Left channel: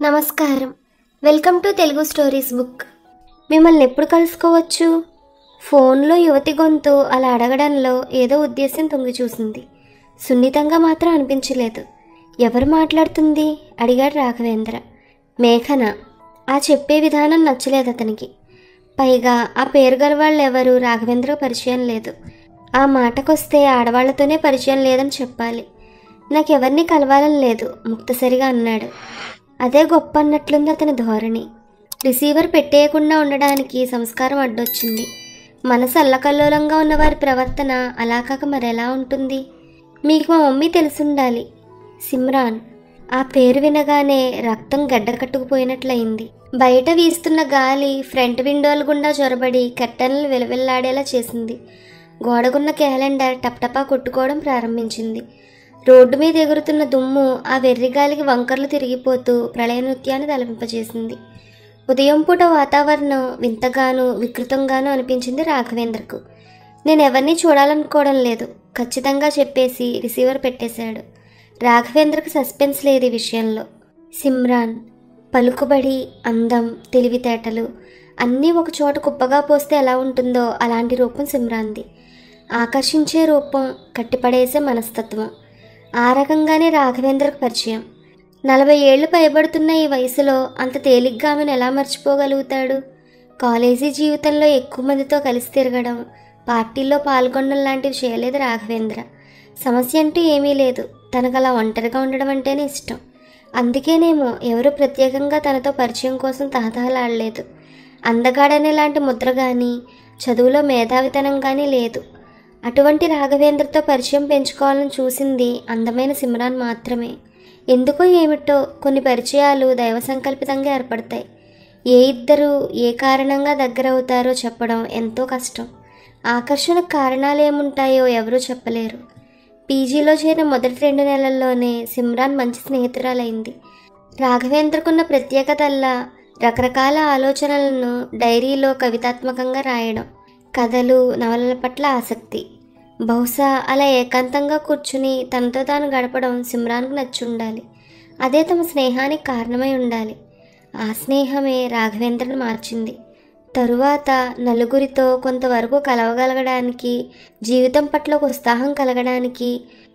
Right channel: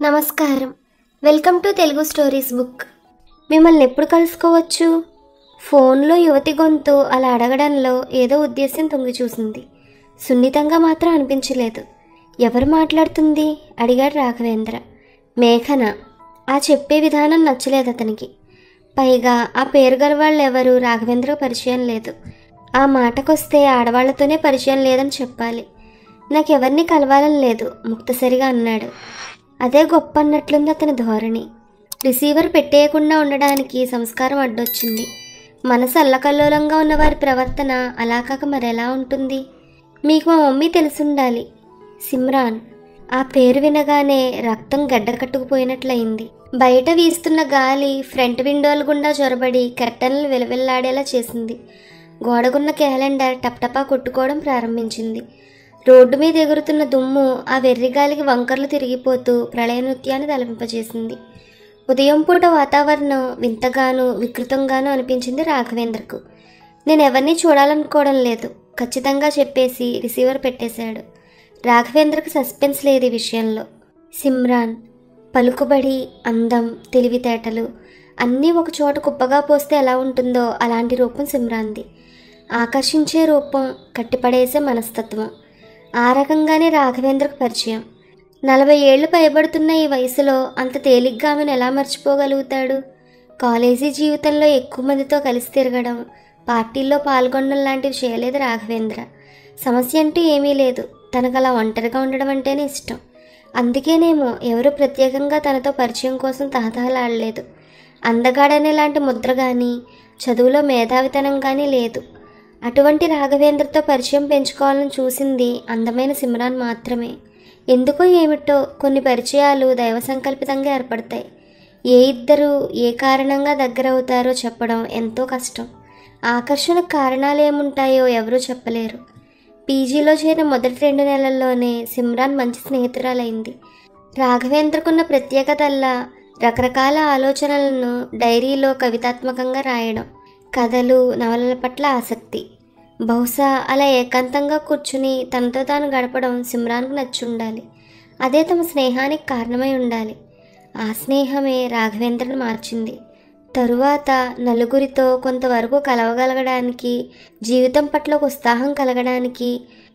నమస్కారం. Welcome to Telugu stories book. మిమ్మల్ని ఎప్పుడు కలుసుకోవచ్చు? ఫోన్లో యువతి గొంతు అలా అడగడంలో ఏదో ఉద్దేశం తొంగి చూసింది. సున్నితంగా మాత్రం అనిపించలేదు. ఎవరు మాట్లాడుతుంది అడిగాడు రాఘవేంద్ర. మేఘన. ఆ చెప్పే విధానం నచ్చలేదు అతనికి. పైగా ఆ పేరు గల వాళ్ళు ఎవరు రాఘవేంద్ర పరిచయం లేదు. ఆ మాటకొస్తే ఆడవాళ్లతోనే పరిచయం లేదని చెప్పాలి. నాకెవరిని కలవాలని లేదు ముక్తసరిగా అన్నాడు. అదే గొప్ప అన్నట్లుంది అతని ధోరణి. రిసీవర్ పెట్టేయకుండా ఉండడానికి సంస్కారం అడ్డొచ్చింది. మనసు అల్లకల్లోలంగా ఉన్న వారి ప్రవర్తన అలా కాక మరెలా ఉంటుంది? మీకు మా మమ్మీ తెలుసుండాలి. సిమ్రాన్. ఆ పేరు వినగానే రక్తం గడ్డకట్టుకుపోయినట్లయింది. బయట వీస్తున్న గాలి ఫ్రంట్ విండోల గుండా చొరబడి కర్టన్లు వెలువెల్లాడేలా చేసింది. గోడగున్న క్యాలెండర్ టప్టపా కొట్టుకోవడం ప్రారంభించింది. రోడ్డు మీద ఎగురుతున్న దుమ్ము ఆ వెర్రిగాలికి వంకర్లు తిరిగిపోతూ ప్రళయ నృత్యాన్ని తలపింపజేసింది. ఉదయం పూట వాతావరణం వింతగానూ వికృతంగానూ అనిపించింది రాఘవేంద్రకు. నేనెవరిని చూడాలనుకోవడం లేదు ఖచ్చితంగా చెప్పేసి రిసీవర్ పెట్టేశాడు. రాఘవేంద్రకు సస్పెన్స్ లేదు ఈ విషయంలో. సిమ్రాన్. పలుకుబడి, అందం, తెలివితేటలు అన్నీ ఒక చోట కుప్పగా పోస్తే ఎలా ఉంటుందో అలాంటి రూపం సిమ్రాన్ది. ఆకర్షించే రూపం, కట్టిపడేసే మనస్తత్వం. ఆ రకంగానే రాఘవేంద్రకు పరిచయం. 40 ఏళ్లు పైబడుతున్న ఈ వయసులో అంత తేలిగ్గా ఆమెను ఎలా మర్చిపోగలుగుతాడు? కాలేజీ జీవితంలో ఎక్కువ మందితో కలిసి తిరగడం, పార్టీల్లో పాల్గొనడం లాంటివి చేయలేదు రాఘవేంద్ర. సమస్య అంటూ ఏమీ లేదు. తనకు అలా ఒంటరిగా ఉండడం అంటేనే ఇష్టం. అందుకేనేమో ఎవరు ప్రత్యేకంగా తనతో పరిచయం కోసం తహతహలాడలేదు. అందగాడనే లాంటి ముద్ర కానీ, చదువులో మేధావితనం కానీ లేదు. అటువంటి రాఘవేంద్రతో పరిచయం పెంచుకోవాలని చూసింది అందమైన సిమ్రాన్ మాత్రమే. ఎందుకో ఏమిటో కొన్ని పరిచయాలు దైవ సంకల్పితంగా ఏర్పడతాయి. ఏ ఇద్దరు ఏ కారణంగా దగ్గర అవుతారో చెప్పడం ఎంతో కష్టం. ఆకర్షణకు కారణాలు ఏముంటాయో ఎవరూ చెప్పలేరు. పీజీలో చేరిన మొదటి 2 నెలల్లోనే సిమ్రాన్ మంచి స్నేహితురాలైంది. రాఘవేంద్రకున్న ప్రత్యేకతల్లా రకరకాల ఆలోచనలను డైరీలో కవితాత్మకంగా రాయడం, కథలు, నవలల పట్ల ఆసక్తి. బహుశా అలా ఏకాంతంగా కూర్చుని తనతో తాను గడపడం సిమ్రాన్కు నచ్చుండాలి. అదే తమ స్నేహానికి కారణమై ఉండాలి. ఆ స్నేహమే రాఘవేంద్రను మార్చింది. తరువాత నలుగురితో కొంతవరకు కలవగలగడానికి, జీవితం పట్ల ఉత్సాహం కలగడానికి,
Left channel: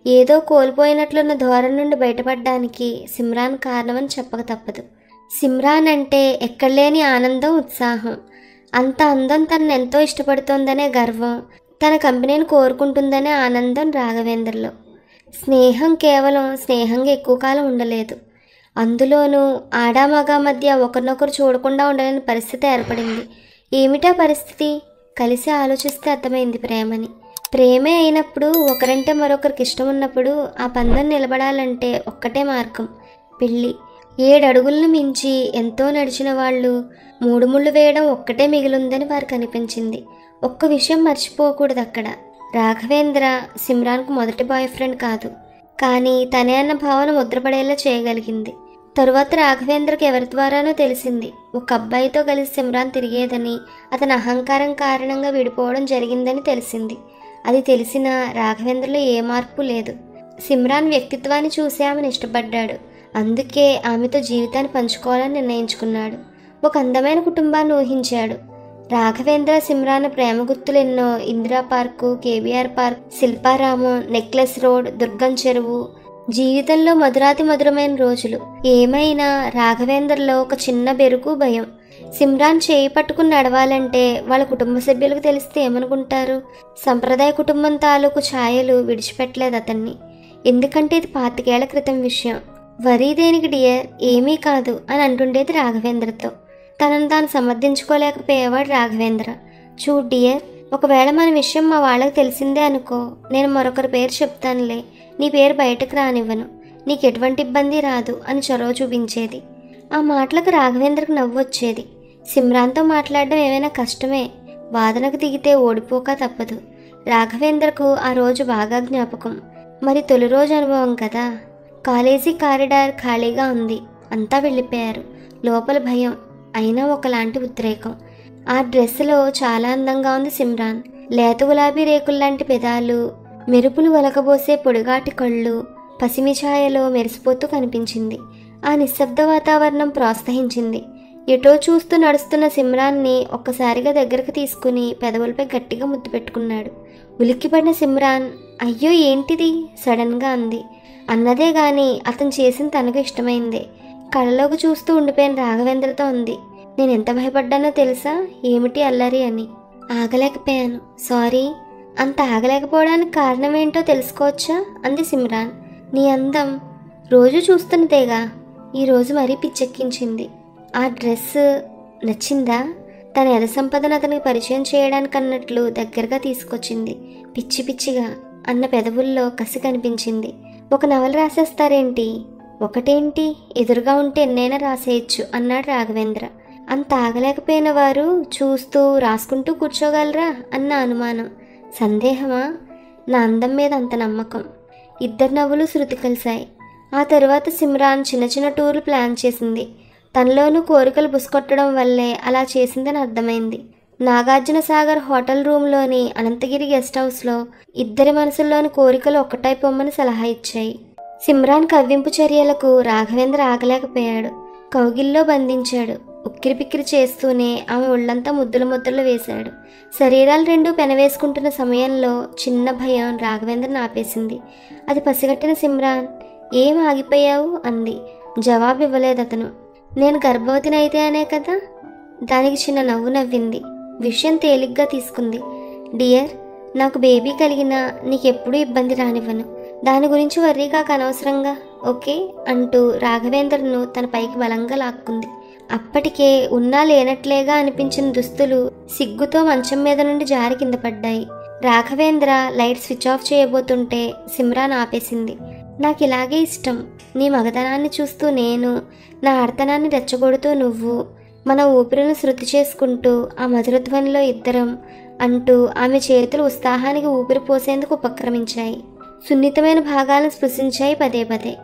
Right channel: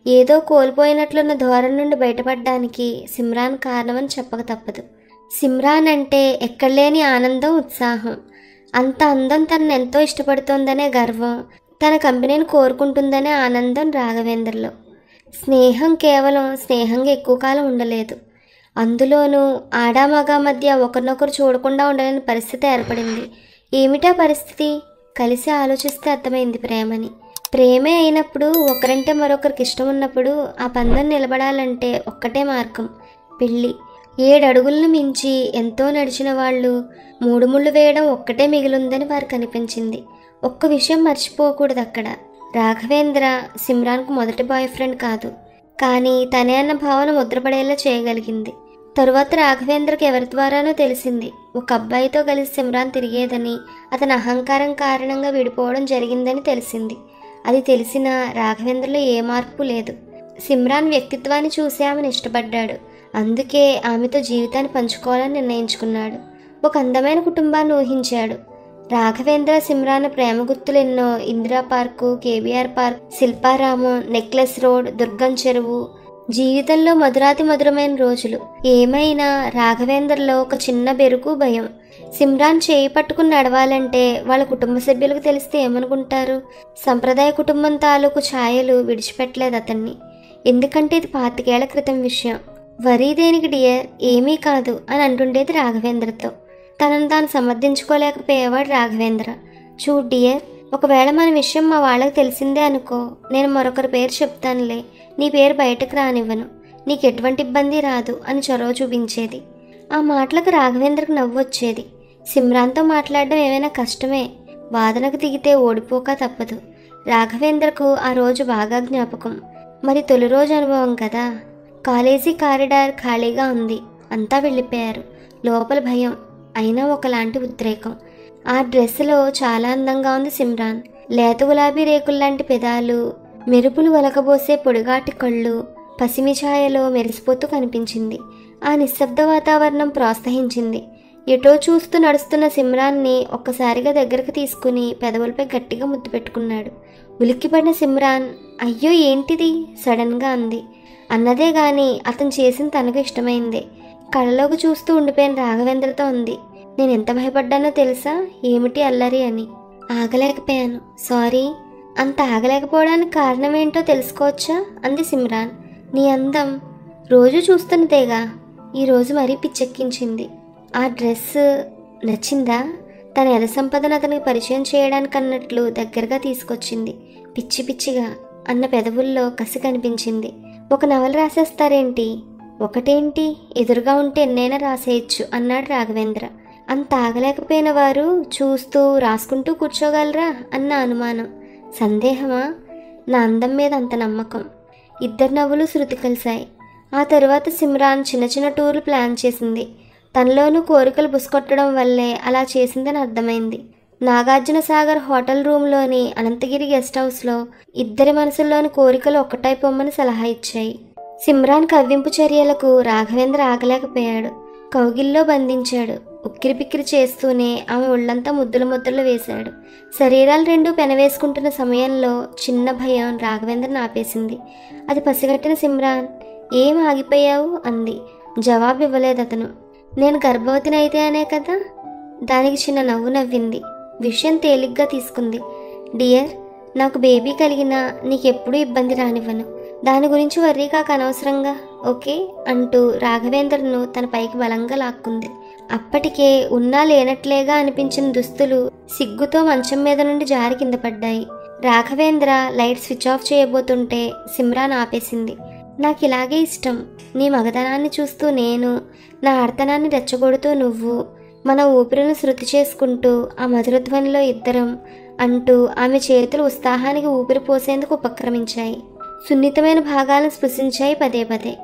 ఏదో కోల్పోయినట్లున్న ధోరణి నుండి బయటపడడానికి సిమ్రాన్ కారణమని చెప్పక తప్పదు. సిమ్రాన్ అంటే ఎక్కడలేని ఆనందం, ఉత్సాహం. అంత అందం తనను ఎంతో ఇష్టపడుతుందనే గర్వం, తన కంపెనీని కోరుకుంటుందనే ఆనందం రాఘవేంద్రలో. స్నేహం కేవలం స్నేహంగా ఎక్కువ కాలం ఉండలేదు. అందులోనూ ఆడామగా మధ్య ఒకరినొకరు చూడకుండా ఉండలేని పరిస్థితి ఏర్పడింది. ఏమిటా పరిస్థితి? కలిసి ఆలోచిస్తే అర్థమైంది ప్రేమని. ప్రేమే అయినప్పుడు, ఒకరంటే మరొకరికి ఇష్టం ఉన్నప్పుడు ఆ బంధం నిలబడాలంటే ఒక్కటే మార్గం, పెళ్ళి. 7 అడుగులను మించి ఎంతో నడిచిన వాళ్ళు 3 ముళ్ళు వేయడం ఒక్కటే మిగిలిందని వారికి అనిపించింది. ఒక్క విషయం మర్చిపోకూడదు అక్కడ. రాఘవేంద్ర సిమ్రాన్కు మొదటి బాయ్ ఫ్రెండ్ కాదు. కానీ తనే అన్న భావన ముద్రపడేలా చేయగలిగింది. తరువాత రాఘవేంద్రకు ఎవరి ద్వారానో తెలిసింది ఒక అబ్బాయితో కలిసి సిమ్రాన్ తిరిగేదని, అతని అహంకారం కారణంగా విడిపోవడం జరిగిందని తెలిసింది. అది తెలిసినా రాఘవేంద్రలో ఏ మార్పు లేదు. సిమ్రాన్ వ్యక్తిత్వాన్ని చూసి ఆమెను ఇష్టపడ్డాడు. అందుకే ఆమెతో జీవితాన్ని పంచుకోవాలని నిర్ణయించుకున్నాడు. ఒక అందమైన కుటుంబాన్ని ఊహించాడు. రాఘవేంద్ర సిమ్రాన్ ప్రేమ గుర్తులెన్నో. Indira park, KBR park, Shilparamam, necklace road, Durgam Cheruvu. జీవితంలో మధురాతి మధురమైన రోజులు. ఏమైనా రాఘవేంద్రలో ఒక చిన్న బెరుకు, భయం. సిమ్రాన్ చేయి పట్టుకుని నడవాలంటే వాళ్ళ కుటుంబ సభ్యులకు తెలిస్తే ఏమనుకుంటారు? సంప్రదాయ కుటుంబం తాలూకు ఛాయలు విడిచిపెట్టలేదు అతన్ని. ఎందుకంటే ఇది 25 ఏళ్ల క్రితం విషయం. వరీ దేనికి డియర్, ఏమీ కాదు అని అంటుండేది రాఘవేంద్రతో. తనను తాను సమర్థించుకోలేకపోయేవాడు రాఘవేంద్ర. చూడు డియర్, ఒకవేళ మన విషయం మా వాళ్ళకి తెలిసిందే అనుకో, నేను మరొకరి పేరు చెప్తానులే, నీ పేరు బయటకు రానివ్వను, నీకు ఎటువంటి ఇబ్బంది రాదు అని చొరవ చూపించేది. ఆ మాటలకు రాఘవేంద్రకు నవ్వు వచ్చేది. సిమ్రాన్తో మాట్లాడడం ఏమైనా కష్టమే. వాదనకు దిగితే ఓడిపోక తప్పదు. రాఘవేంద్రకు ఆ రోజు బాగా జ్ఞాపకం. మరి తొలి రోజు అనుభవం కదా. కాలేజీ కారిడార్ ఖాళీగా ఉంది. అంతా వెళ్ళిపోయారు. లోపల భయం, అయినా ఒకలాంటి ఉద్రేకం. ఆ డ్రెస్సులో చాలా అందంగా ఉంది సిమ్రాన్. లేత గులాబీ రేకుల్లాంటి పెదాలు, మెరుపులు వలకబోసే పొడిగాటి కళ్ళు, పసిమి ఛాయలు మెరిసిపోతూ కనిపించింది. ఆ నిశ్శబ్ద వాతావరణం ప్రోత్సహించింది. ఎటో చూస్తూ నడుస్తున్న సిమ్రాన్ని ఒక్కసారిగా దగ్గరకు తీసుకుని పెదవులపై గట్టిగా ముద్దు పెట్టుకున్నాడు. ఉలిక్కిపడిన సిమ్రాన్, అయ్యో ఏంటిది సడన్ గా అంది. అన్నదే గాని అతను చేసింది తనకు ఇష్టమైంది. కళ్ళలోకి చూస్తూ ఉండిపోయిన రాఘవేంద్రతో ఉంది, నేను ఎంత భయపడ్డానో తెలుసా, ఏమిటి అల్లరి అని. ఆగలేకపోయాను, సారీ. అంత ఆగలేకపోవడానికి కారణం ఏంటో తెలుసుకోవచ్చా అంది సిమ్రాన్. నీ అందం రోజు చూస్తున్నదేగా, ఈరోజు మరీ పిచ్చెక్కించింది. ఆ డ్రెస్ నచ్చిందా? తన ఎల సంపదను అతనికి పరిచయం చేయడానికి అన్నట్లు దగ్గరగా తీసుకొచ్చింది. పిచ్చి పిచ్చిగా అన్న పెదవుల్లో కసి కనిపించింది. ఒక నవల రాసేస్తారేంటి? ఒకటేంటి, ఎదురుగా ఉంటే ఎన్నైనా రాసేయచ్చు అన్నాడు రాఘవేంద్ర. అంత ఆగలేకపోయిన వారు చూస్తూ రాసుకుంటూ కూర్చోగలరా అన్న అనుమానం. సందేహమా? నా అందం మీద అంత నమ్మకం. ఇద్దరు నవ్వులు శృతి కలిశాయి. ఆ తరువాత సిమ్రాన్ చిన్న చిన్న టూర్లు ప్లాన్ చేసింది. తనలోనూ కోరికలు బుసకొట్టడం వల్లే అలా చేసిందని అర్థమైంది. నాగార్జున సాగర్ హోటల్ రూమ్లోని అనంతగిరి గెస్ట్ హౌస్లో ఇద్దరి మనసుల్లోని కోరికలు ఒక్కటైపోమని సలహా ఇచ్చాయి. సిమ్రాన్ కవ్వింపు చర్యలకు రాఘవేంద్ర ఆగలేకపోయాడు. కౌగిల్లో బంధించాడు. ఉక్కిరి పిక్కిరి చేస్తూనే ఆమె ఒళ్లంతా ముద్దుల ముద్రలు వేశాడు. శరీరాలు రెండూ పెనవేసుకుంటున్న సమయంలో చిన్న భయం రాఘవేంద్రను ఆపేసింది. అది పసిగట్టిన సిమ్రాన్, ఏం ఆగిపోయావు అంది. జవాబు ఇవ్వలేదు అతను. నేను గర్భవతిని అయితే అనే కదా. దానికి చిన్న నవ్వు నవ్వింది. విషయం తేలిగ్గా తీసుకుంది. డియర్, నాకు బేబీ కలిగినా నీకెప్పుడూ ఇబ్బంది రానివ్వను. దాని గురించి వర్రీగా అనవసరంగా, ఓకే అంటూ రాఘవేంద్రను తన పైకి బలంగా లాక్కుంది. అప్పటికే ఉన్నా లేనట్లేగా అనిపించిన దుస్తులు సిగ్గుతో మంచం మీద నుండి జారి కింద పడ్డాయి. రాఘవేంద్ర లైట్ స్విచ్ ఆఫ్ చేయబోతుంటే సిమ్రాన్ ఆపేసింది. నాకు ఇలాగే ఇష్టం. నీ మగతనాన్ని చూస్తూ నేను, నా ఆర్తనాన్ని రెచ్చగొడుతూ నువ్వు, మన ఊపిరిని శృతి చేసుకుంటూ ఆ మధురధ్వనిలో ఇద్దరం అంటూ ఆమె చేతులు ఉత్సాహానికి ఊపిరి పోసేందుకు ఉపక్రమించాయి. సున్నితమైన భాగాలను స్పృశించాయి పదే పదే.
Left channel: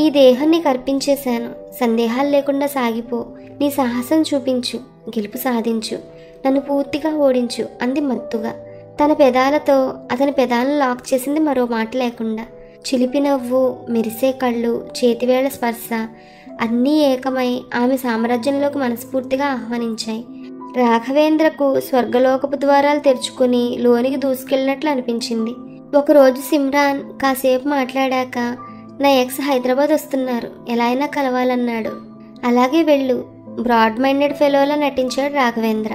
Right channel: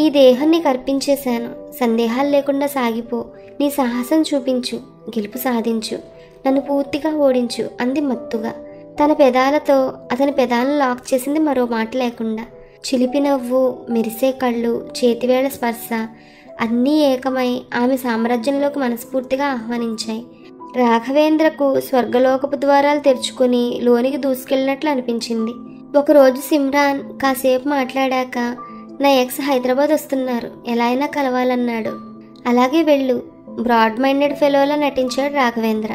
ఈ దేహాన్ని కర్పించేశాను, సందేహాలు లేకుండా సాగిపో, నీ సాహసం చూపించు, గెలుపు సాధించు, నన్ను పూర్తిగా ఓడించు అంది మత్తుగా. తన పెదాలతో అతని పెదాలను లాక్ చేసింది మరో మాట లేకుండా. చిలిపి నవ్వు, మెరిసే కళ్ళు, చేతివేళ్ల స్పర్శ అన్నీ ఏకమై ఆమె సామ్రాజ్యంలోకి మనస్ఫూర్తిగా ఆహ్వానించాయి. రాఘవేంద్రకు స్వర్గలోకపు ద్వారాలు తెరుచుకుని లోనికి దూసుకెళ్ళినట్లు అనిపించింది. ఒకరోజు సిమ్రాన్ కాసేపు మాట్లాడాక, నా ఎక్స్ హైదరాబాద్ వస్తున్నారు, ఎలా అయినా కలవాలన్నాడు. అలాగే వెళ్ళు, బ్రాడ్ మైండెడ్ ఫెలోలా నటించాడు రాఘవేంద్ర.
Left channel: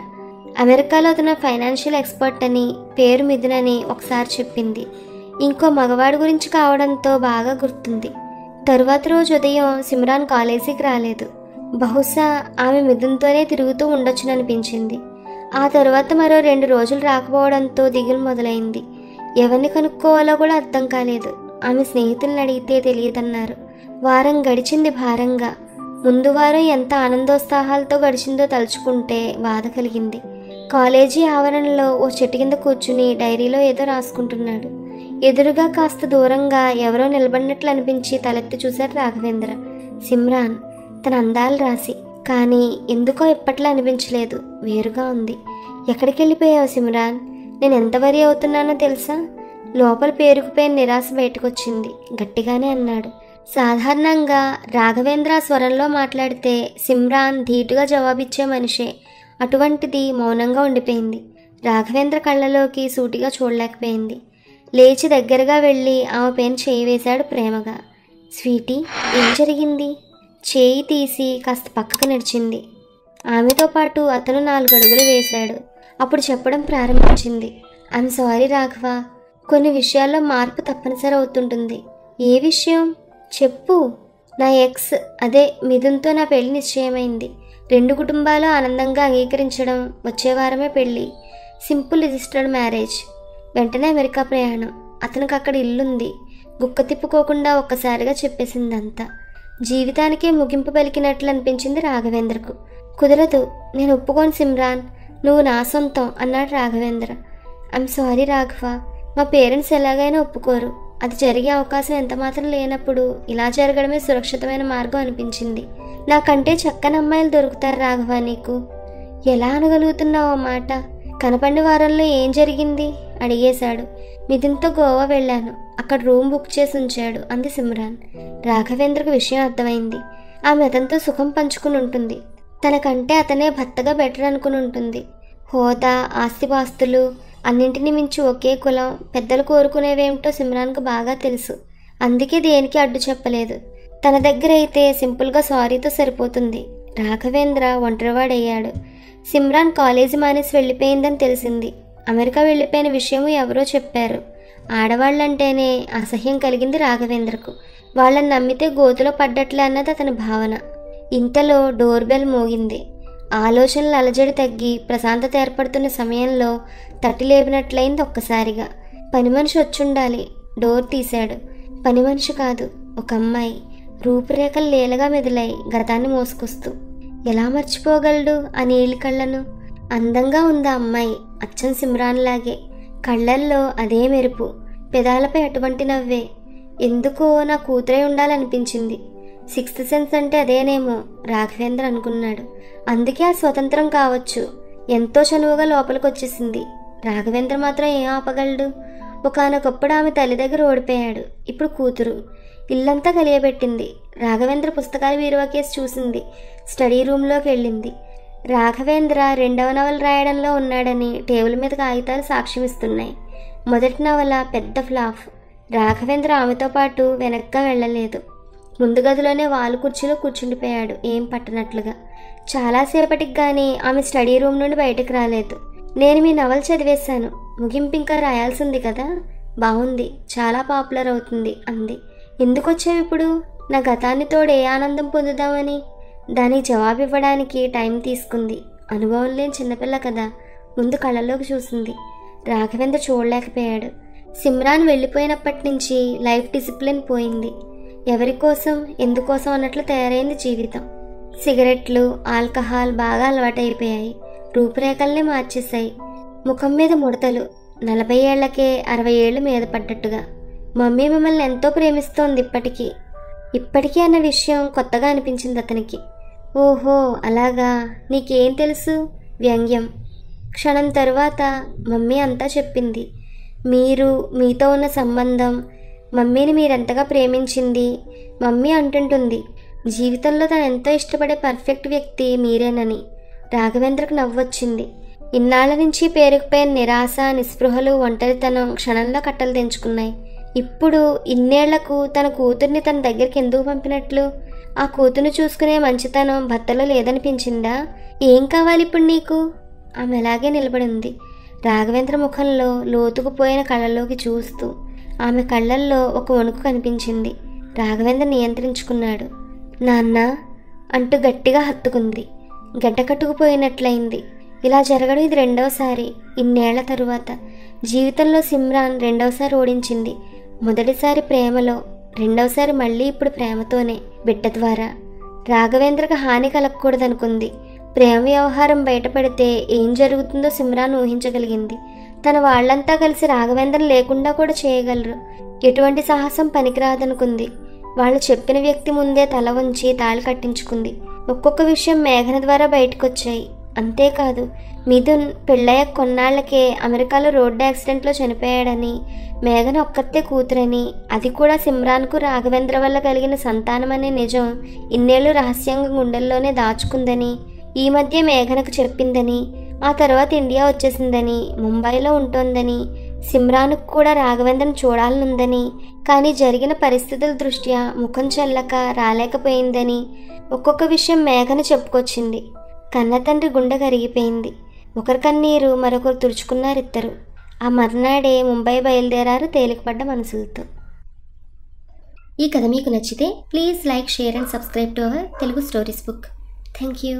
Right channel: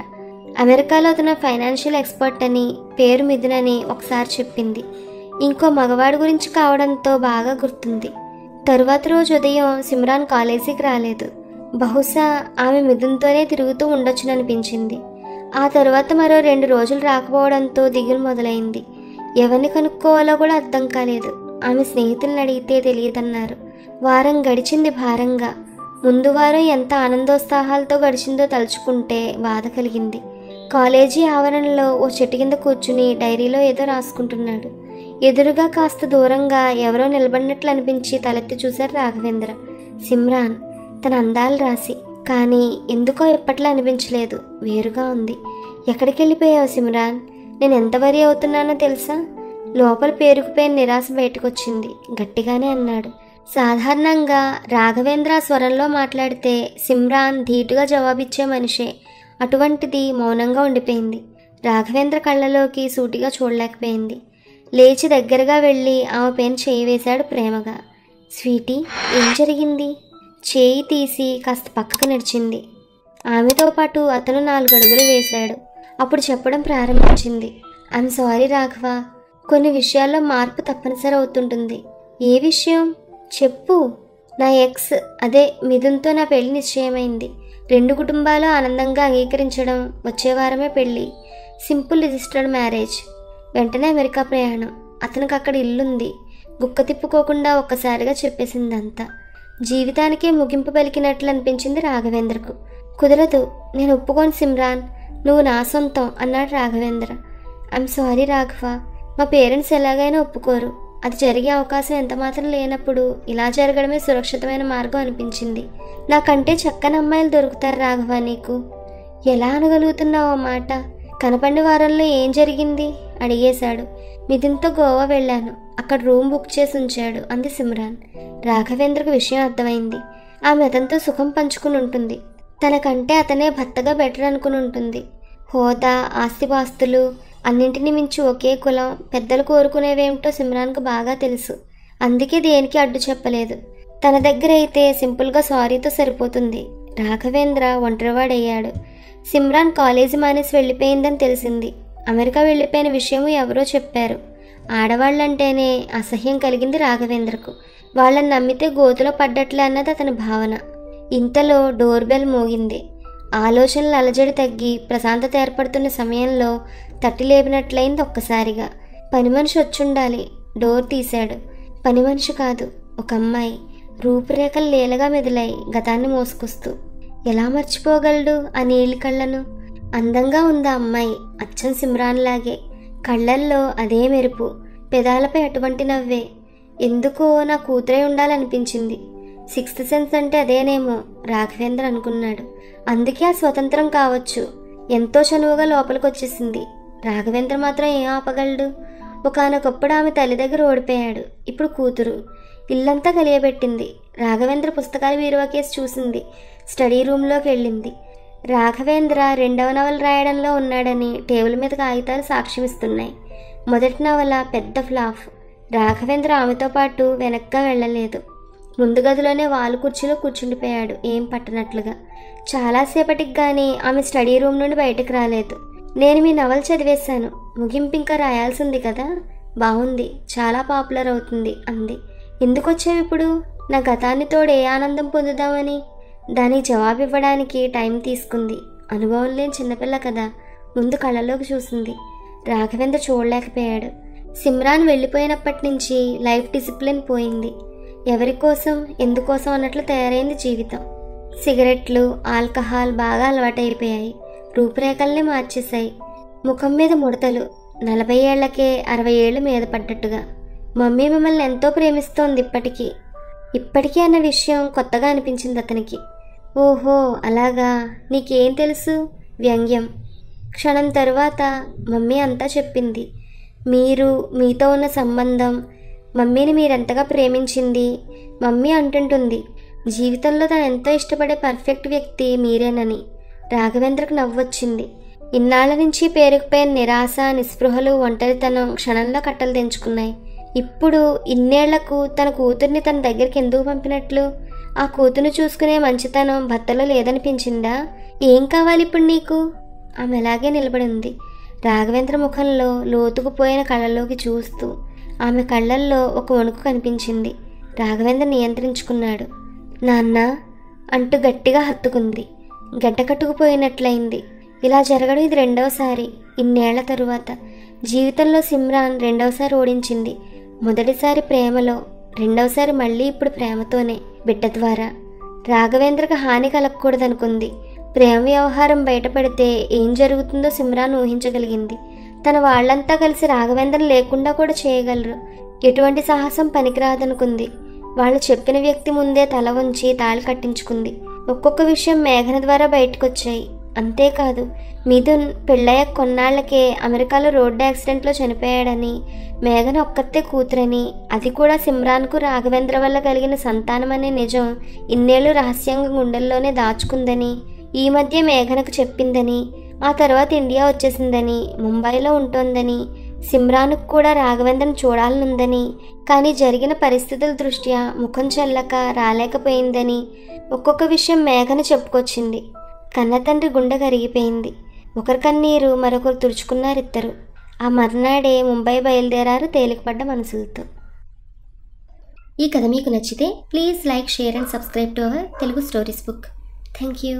అమెరికాలో అతను ఫైనాన్షియల్ ఎక్స్పర్ట్ అని, పేరు మిథున్ అని ఒకసారి చెప్పింది. ఇంకో మగవాడి గురించి కావడంతో బాగా గుర్తుంది. తర్వాత రోజు ఉదయం సిమ్రాన్ కాలేజీకి రాలేదు. బహుశా ఆమె మిథున్తోనే తిరుగుతూ ఉండొచ్చుననిపించింది. ఆ తర్వాత మరో 2 రోజులు రాకపోవడంతో దిగులు మొదలైంది. ఎవరిని కనుక్కోవాలో కూడా అర్థం కాలేదు. ఆమె స్నేహితులను అడిగితే తెలియదన్నారు. వారం గడిచింది భారంగా. ముందు వారం ఎంత ఆనందోత్సాహాలతో గడిచిందో తలుచుకుంటే బాధ కలిగింది. కాలేజీ ఆవరణలో ఓ చెట్టు కింద కూర్చుని డైరీలో ఏదో రాసుకుంటున్నాడు. ఎదురుగా కాస్త దూరంగా ఎవరో నిలబడినట్లు అనిపించి తలెత్తి చూశారు రాఘవేంద్ర. సిమ్రాన్, తన అందాలు రాసి, కానీ ఎందుకో ఇప్పట్లో అనిపించలేదు, వేరుగా ఉంది. ఎక్కడికి వెళ్ళిపోయావు సిమ్రాన్? నేను ఎంత వరి అవుతున్నానో తెలుసా? లోపల పేరుకుపోయిన నిరాశ బయటకొచ్చింది. గట్టిగానే అన్నాడు. సాధారణంగా రాఘవేంద్ర స్వరంలో మాట్లాడితే సిమ్రాన్ ధీటుగా జవాబిచ్చే మనిషే. అటువంటిది మౌనంగా ఉండిపోయింది. రాఘవేంద్ర కళ్ళలోకి సూటిగా చూడలేకపోయింది. లేచి దగ్గరగా వెళ్ళి ఆమె పైన చేయి వేశాడు ప్రేమగా. స్వీటీ, ఏం జరిగింది? చేయి తీసి కాస్త పక్కకు నడిచింది. ఆమెతో పాటు అతను 4 అడుగులు వేశాడు. అప్పుడు చెప్పడం ప్రారంభించింది. ఐమ్ సారీ రాఘవ, కొన్ని విషయాల్లో మార్పు తప్పనిసరి అవుతుంటుంది. ఏ విషయం చెప్పు. నా ఎక్స్, అదే మిథున్తో నా పెళ్లి నిశ్చయమైంది. 2 కుటుంబాలు ఆనందంగా అంగీకరించడం, వచ్చే వారమే పెళ్లి. Simple registered marriage. వెంటనే అమెరికా ప్రయాణం. అతనికి అక్కడ ఇల్లుంది. గుక్క తిప్పుకోకుండా ఒక్కసారిగా చెప్పేసిందంతా. జీవితానికే ముగింపు పలికినట్లు అనిపించింది రాఘవేంద్రకు. కుదరదు, నేను ఒప్పుకోను సిమ్రాన్, నువ్వు నా సొంతం అన్నాడు రాఘవేంద్ర. ఐమ్ సారీ రాఘవ, మా పేరెంట్స్ ఎలాగైనా ఒప్పుకోరు. అది జరిగే అవకాశం ఎంత మాత్రం లేనప్పుడు ఇలా జరగడమే సురక్షితమైన మార్గం అనిపించింది. నాకంటే చక్కని అమ్మాయిలు దొరుకుతారు రాఘవ నీకు. ఎలా అనగలుగుతున్నావు ఆ మాట? కనపండి వారంలో ఏం జరిగింది అడిగేశాడు. మిథున్తో గోవా వెళ్ళాను, అక్కడ రూమ్ బుక్ చేసి ఉంచాడు అంది సిమ్రాన్. రాఘవేంద్రకు విషయం అర్థమైంది. ఆమె అతనితో సుఖం పంచుకుని ఉంటుంది. తనకంటే అతనే భర్తగా బెటర్ అనుకుని ఉంటుంది. హోదా, ఆస్తిపాస్తులు అన్నింటినీ మించి ఒకే కులం, పెద్దలు కోరుకునేవేమిటో సిమ్రాన్కు బాగా తెలుసు. అందుకే దేనికి అడ్డు చెప్పలేదు. తన దగ్గర అయితే సింపుల్గా సారీతో సరిపోతుంది. రాఘవేంద్ర ఒంటరివాడయ్యాడు. సిమ్రాన్ కాలేజీ మానేసి వెళ్ళిపోయిందని తెలిసింది. అమెరికా వెళ్ళిపోయిన విషయం ఎవరో చెప్పారు. ఆడవాళ్ళంటేనే అసహ్యం కలిగింది రాఘవేంద్రకు. వాళ్ళని నమ్మితే గోతులో పడ్డట్లే అన్నది అతని భావన. ఇంతలో డోర్ బెల్ మోగింది. ఆలోచనలు అలజడి తగ్గి ప్రశాంతత ఏర్పడుతున్న సమయంలో తట్టి లేపినట్లయింది ఒక్కసారిగా. పని మనిషి వచ్చుండాలి. డోర్ తీశాడు. పని మనిషి కాదు, ఒక అమ్మాయి. రూపురేఖలు లేలుగా మెదిలాయి గతాన్ని మోసుకొస్తూ. ఎలా మర్చిపోగలడు ఆ నీలి కళ్ళను? అందంగా ఉంది ఆ అమ్మాయి, అచ్చం సిమ్రాన్ లాగే. కళ్ళల్లో అదే మెరుపు, పెదాలపై అటువంటి నవ్వే. ఎందుకో నా కూతురే ఉండాలనిపించింది. సిక్స్త్ సెన్స్ అంటే అదేనేమో రాఘవేంద్ర అనుకున్నాడు. అందుకే ఆ స్వతంత్రం కావచ్చు. ఎంతో చనువుగా లోపలికి వచ్చేసింది. రాఘవేంద్ర మాత్రం ఏం ఆపగలడు? ఒకానొకప్పుడు ఆమె తల్లి దగ్గర ఓడిపోయాడు. ఇప్పుడు కూతురు. ఇల్లంతా కలియబెట్టింది. రాఘవేంద్ర పుస్తకాల వీరువా కేసు చూసింది. స్టడీ రూమ్లోకి వెళ్ళింది. రాఘవేంద్ర 2వ నవల రాయడంలో ఉన్నాడని టేబుల్ మీద కాగితాలు సాక్ష్యమిస్తున్నాయి. మొదటి నవల పెద్ద ఫ్లాప్. రాఘవేంద్ర ఆమెతో పాటు వెనక్గా వెళ్ళలేదు. ముందు గదిలోనే వాలు కుర్చీలో కూర్చుండిపోయాడు ఏం పట్టనట్లుగా. చాలాసేపటికి కానీ ఆమె స్టడీ రూమ్ నుండి బయటకు రాలేదు. నేను మీ నవల చదివేశాను, ముగింపు ఇంకా రాయాల్సింది కదా. బాగుంది, చాలా పాపులర్ అవుతుంది అంది. ఎందుకు వచ్చావు ఇప్పుడు? నా గతాన్ని తోడు ఏ ఆనందం పొందుదామని. దానికి జవాబు ఇవ్వడానికి టైం తీసుకుంది. అనుభవం లేని చిన్నపిల్ల కదా. ముందు కళ్ళలోకి చూసింది. రాఘవేంద్ర చూడలేకపోయాడు. సిమ్రాన్ వెళ్ళిపోయినప్పటి నుంచి లైఫ్ డిసిప్లిన్ పోయింది. ఎవరి కోసం, ఎందుకోసం అన్నట్లు తయారైంది జీవితం. సిగరెట్లు, ఆల్కహాల్ బాగా అలవాటైపోయాయి. రూపురేఖల్ని మార్చేశాయి. ముఖం మీద ముడతలు. 40 ఏళ్లకే 60 ఏళ్ళు మీద పడ్డట్టుగా. మమ్మీ మిమ్మల్ని ఎంతో ప్రేమిస్తోంది ఇప్పటికీ అన్న విషయం కొత్తగా అనిపించింది అతనికి. ఓహో అలాగా, నీకేం తెలుసు? వ్యంగ్యం. క్షణం తర్వాత మమ్మీ అంతా చెప్పింది. మీతో ఉన్న సంబంధం, మమ్మీని మీరెంతగా ప్రేమించింది. మమ్మీ అంటుంటుంది జీవితంలో తను ఎంతో ఇష్టపడే పర్ఫెక్ట్ వ్యక్తి మీరేనని. రాఘవేంద్రకు నవ్వొచ్చింది. ఇన్నాళ్ళ నుంచి పేరుకుపోయిన నిరాశ, నిస్పృహలు, ఒంటరితనం క్షణంలో కట్టలు తెంచుకున్నాయి. ఇప్పుడు ఇన్నేళ్లకు తన కూతుర్ని తన దగ్గరికి ఎందుకు పంపినట్లు? ఆ కూతుర్ని చూసుకునే మంచితనం భర్తలో లేదనిపించిందా? ఏం కావాలి ఇప్పుడు నీకు? ఆమె అలాగే నిలబడింది. రాఘవేంద్ర ముఖంలో లోతుకుపోయిన కళ్ళలోకి చూస్తూ. ఆమె కళ్ళల్లో ఒక వణుకు కనిపించింది. రాఘవేంద్ర నియంత్రించుకున్నాడు. నాన్న అంటూ గట్టిగా హత్తుకుంది. గడ్డకట్టుకుపోయినట్లయింది. ఇలా జరగడం ఇది 2వసారి. ఇన్నేళ్ల తరువాత జీవితంలో సిమ్రాన్ 2వసారి ఓడించింది. మొదటిసారి ప్రేమలో, 2వసారి మళ్ళీ ఇప్పుడు ప్రేమతోనే, బిడ్డ ద్వారా. రాఘవేంద్రకు హాని కలగకూడదనుకుంది. ప్రేమ వ్యవహారం బయటపడితే ఏం జరుగుతుందో సిమ్రాన్ ఊహించగలిగింది. తన వాళ్లంతా కలిసి రాఘవేంద్రని లేకుండా కూడా చేయగలరు. ఎటువంటి సాహసం పనికిరాదనుకుంది. వాళ్ళు చెప్పిన వ్యక్తి ముందే తల వంచి తాళి కట్టించుకుంది. ఒక్కొక్క విషయం మేఘన ద్వారా బయటకొచ్చాయి. అంతేకాదు, మిథున్ పెళ్ళయ్య కొన్నాళ్ళకే అమెరికాలో రోడ్డు యాక్సిడెంట్లో చనిపోయాడని, మేఘన ఒక్కతే కూతురని, అది కూడా సిమ్రాన్కు రాఘవేంద్ర వల్ల కలిగిన సంతానమనే నిజం ఇన్నేళ్లు రహస్యంగా గుండెల్లోనే దాచుకుందని, ఈ మధ్య మేఘనకు చెప్పిందని, ఆ తర్వాత ఇండియా వచ్చేసిందని, ముంబైలో ఉంటోందని, సిమ్రాన్కు కూడా రాఘవేంద్రను చూడాలనుందని, కానీ జరిగిన పరిస్థితుల దృష్ట్యా ముఖం చెల్లక రాలేకపోయిందని, ఒక్కొక్క విషయం మేఘన చెప్పుకొచ్చింది. కన్నతండ్రి గుండె కరిగిపోయింది. ఒకరి కన్నీరు మరొకరు తుడుచుకున్నారిద్దరు. ఆ మర్నాడే ముంబై బయలుదేరారు తేలికపడ్డ మనసులతో. ఈ కథ మీకు నచ్చితే please like, share and subscribe to our Telugu stories book. Thank you.